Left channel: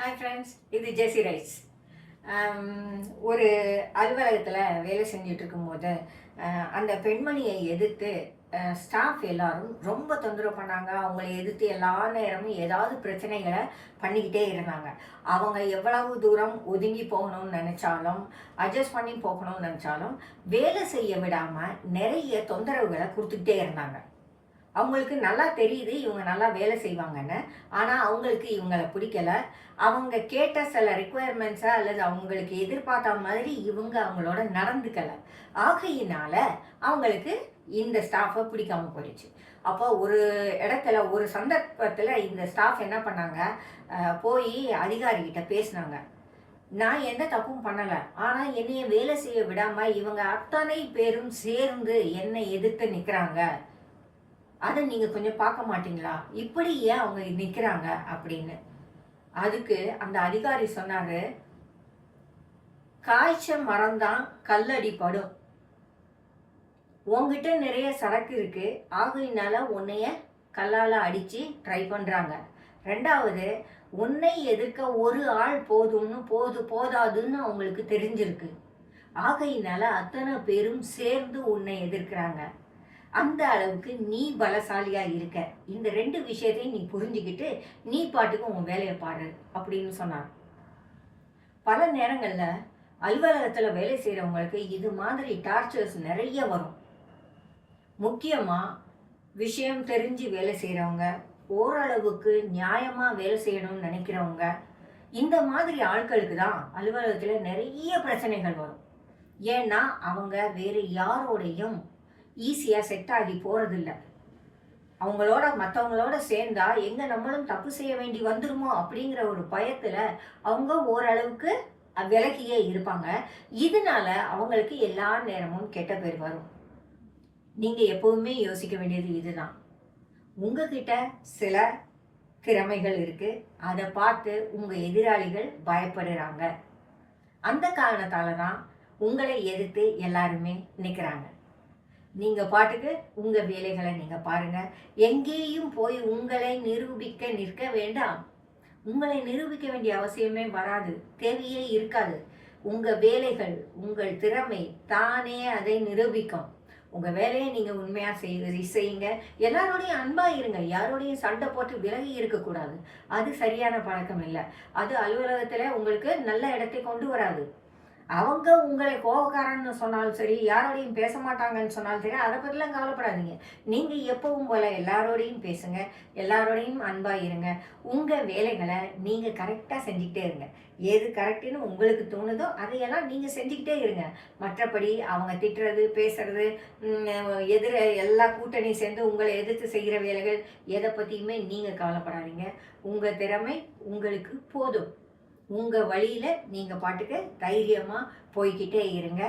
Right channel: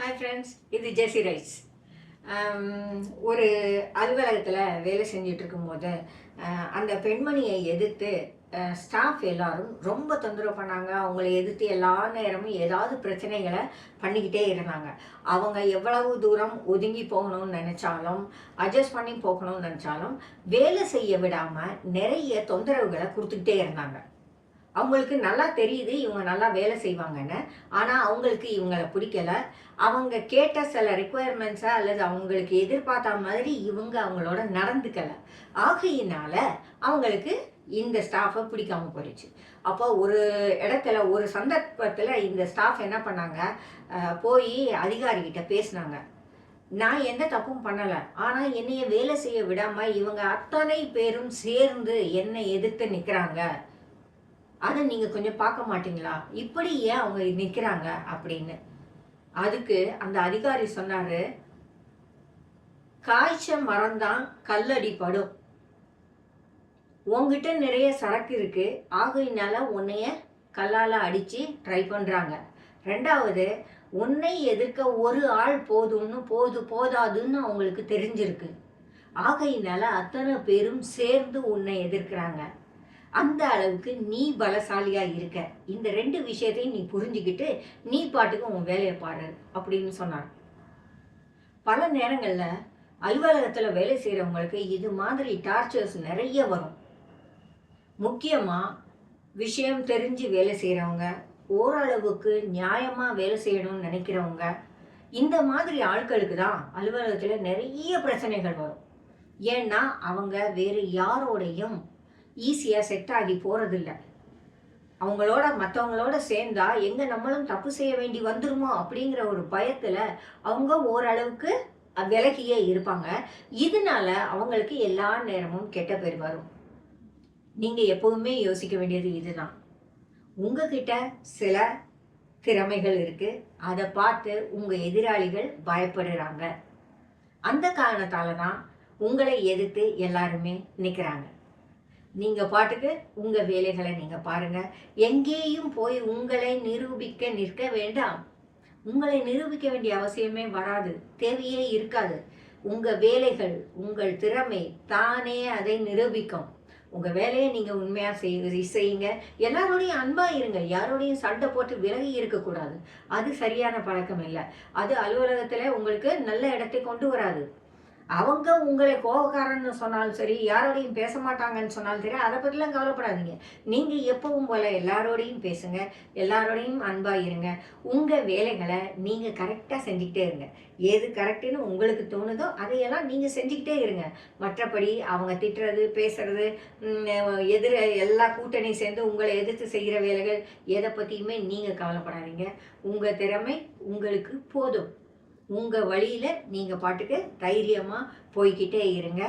Hi friends, இது ஜெசி rice. ஒரு அலுவலகத்தில் வேலை செஞ்சுட்டு இருக்கும்போது அந்த பெண்மணியை எதிர்த்து ஸ்டாஃப் எல்லாரும் ரொம்ப தொந்தரவு பண்ணாங்க. அவங்கள எதிர்த்து எல்லா நேரமும் ஏதாவது பிரச்சனைகளை பண்ணிக்கிட்டே இருந்தாங்க. அவங்க எவ்வளவு தூரம் ஒதுங்கி போகணும்னு நினச்சாலும், அட்ஜஸ்ட் பண்ணி போகணும்னு நினச்சாலும், வேலை செய்ய விடாமல் நிறைய தொந்தரவுகளை கொடுத்துக்கிட்டே இருந்தாங்க. அவங்களுக்கு நல்லா தெரியுது இவங்க நல்லா வேலை செய்வாங்கன்னு. ஆனால் அவங்களுக்கு இவங்களை பிடிக்கல. அவங்க கேட்ட சில ரிக்குவயர்மெண்ட்ஸை அல்லது அவங்களுக்கு எதிர்பார்த்த மாதிரி இவங்க அவங்களோட நடந்துக்கலை. ஆகையினால அவங்களுக்கு இந்த ஸ்டாஃபை பிடிக்காம போயிடுச்சு. அப்போ ஒரு இடத்துல ஒரு சந்தர்ப்பத்தில் இந்த ஸ்டாஃப் என்ன பண்ணாங்க, போய் அதிகாரிகிட்ட பேசினாங்க. நான் எந்த தப்பும் பண்ணலை, ஆனால் என்னைய வேலை செய்ய விடாமல் இவங்க அத்தனை பேரும் சேர்ந்து என்னை எதிர்த்து நிற்கிறாங்க. அதை நீங்கள் கொஞ்சம் பார்க்க மாட்டீங்களா, இப்படி ஏன் அவங்க நிற்கிறாங்க அப்படின்னு. அதுக்கு அந்த அதிகாரி சொன்னார், காய்ச்ச மரம்தான் கல்லடி படும். உங்ககிட்ட நிறைய சரக்கு இருக்கு, ஆகையினால உன்னைய கல்லால் அடித்து ட்ரை பண்ணுறாங்க. ரெண்டாவது, உன்னை எதிர்க்க ஒரு ஆள் போதாதுன்னு அவங்களுக்கு தெரிஞ்சிருக்கு. ஆகையினால அத்தனை பேரும் சேர்ந்து உன்னை எதிர்க்கிறாங்க. அந்த அளவுக்கு நீ பலசாலியா இருக்க. இந்த 2 விஷயத்தையும் நீ புரிஞ்சுக்கிட்டு நீ பாட்டுக்கு உன் வேலையை பாரு அப்படின்னு சொன்னார். பல நேரங்களில் அலுவலகத்தில் வேலை செய்கிறவங்களுக்கு இது மாதிரி டார்ச்சர்ஸ் நிறைய வரும். முக்கியமாக விஷயம் தெரிஞ்சு வேலை செய்கிறவங்க, ஓரளவுக்கு நியாயமாக வேலை செய்யணும்னு நினைக்கிறவங்க, இந்த மாதிரி ஆட்களுக்கு தான் அலுவலகத்தில் நிறைய பிரச்சனைகள் வரும். ஏன்னா அவங்க வேறு யாரோடையும் ஈஸியாக செட் ஆகி போகிறதில்ல. அவங்களோட மற்றவங்களோட சேர்ந்தா எங்கே நம்மளும் தப்பு செய்ய வேண்டி வந்துருமோ அப்படிங்கிற ஒரு பயத்தில் அவங்க ஓரளவுக்கு விலகியே இருப்பாங்க. இதனால அவங்களுக்கு எல்லா நேரமும் கெட்ட பேர் வரும். நீங்கள் எப்பவுமே யோசிக்க வேண்டியது இதுதான். உங்ககிட்ட சில திறமைகள் இருக்குது, அதை பார்த்து உங்கள் எதிராளிகள் பயப்படுறாங்க. அந்த காரணத்தால் தான் உங்களை எதிர்த்து எல்லாருமே நிற்கிறாங்க. நீங்கள் பாட்டுக்கு உங்கள் வேலைகளை நீங்கள் பாருங்கள். எங்கேயும் போய் உங்களை நிரூபிக்க நிற்க வேண்டாம். உங்களை நிரூபிக்க வேண்டிய அவசியமே வராது, தேவையே இருக்காது. உங்கள் வேலைகள், உங்கள் திறமை தானே அதை நிரூபிக்கும். உங்கள் வேலையை நீங்கள் உண்மையாக செய்யுங்க. எல்லாரோடையும் அன்பாக இருங்க. யாரோடையும் சண்டை போட்டு விலகி இருக்கக்கூடாது. அது சரியான பழக்கம் இல்லை. அது அலுவலகத்தில் உங்களுக்கு நல்ல இடத்தை கொண்டு வராது. அவங்க உங்களை கோபக்காரன்னு சொன்னாலும் சரி, யாரோடையும் பேச மாட்டாங்கன்னு சொன்னாலும் சரி, அதை பற்றிலாம் கவலைப்படாதீங்க. நீங்கள் எப்பவும் போல் எல்லாரோடையும் பேசுங்க, எல்லாரோடையும் அன்பாக இருங்க. உங்கள் வேலைகளை நீங்கள் கரெக்டாக செஞ்சுக்கிட்டே இருங்க. எது கரெக்டுன்னு உங்களுக்கு தோணுதோ அதையெல்லாம் நீங்கள் செஞ்சுக்கிட்டே இருங்க. மற்றபடி அவங்க திட்டுறது, பேசுறது, எல்லா கூட்டணி சேர்ந்து உங்களை எதிர்த்து செய்கிற வேலைகள் எதை பற்றியுமே நீங்கள் கவலைப்படாதீங்க. உங்கள் திறமை உங்களுக்கு போதும். உங்கள் வழியில் நீங்கள் பாட்டுக்கு தைரியமாக போய்கிட்டே இருங்க.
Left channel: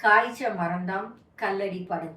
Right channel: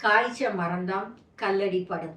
காய்ச்ச மரம்தான் கல்லடி படும்.